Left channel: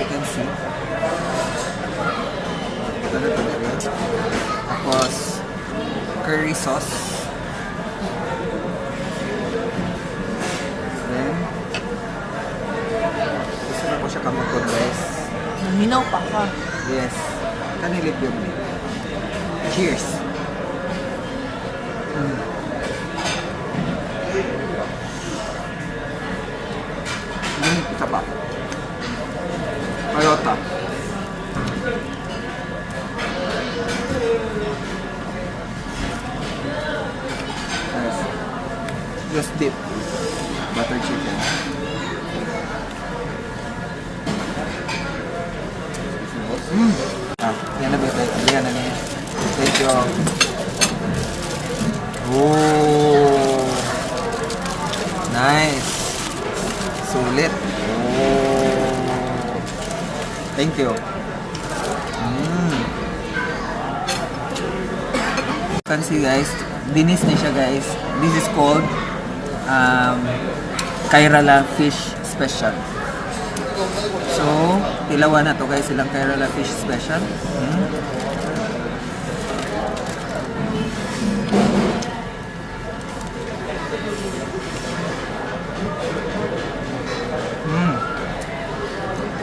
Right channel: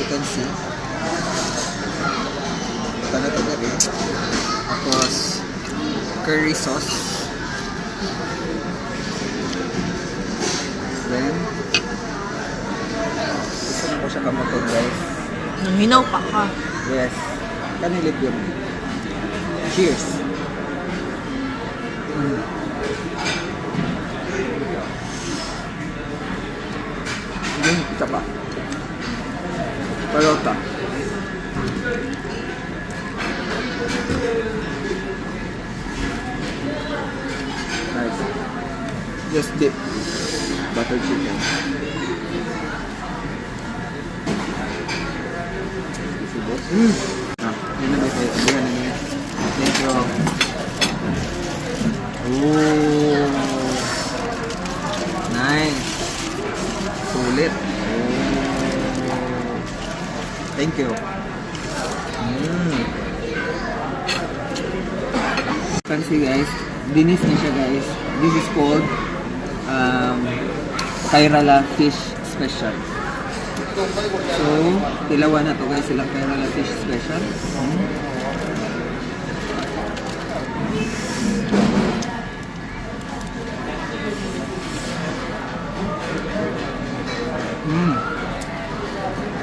you can see. Ito na rin. Tapos, curry sauce. Then, gusto mo ko siya kamatod, guys. Naminaw pa ka. Yes. Kanilig yun. Cheers! Yung isa pa. Parota. Nice. Just dip. Butter chicken. Yan na may tayo. Yan na niya. Thank you. Oh. Nice. Sulit. Oh. Thank you. Can see guys, dinis na siya guys. This is called Kairala Fish Special. So, tilawan na to guys, silang Kairala Fish Special.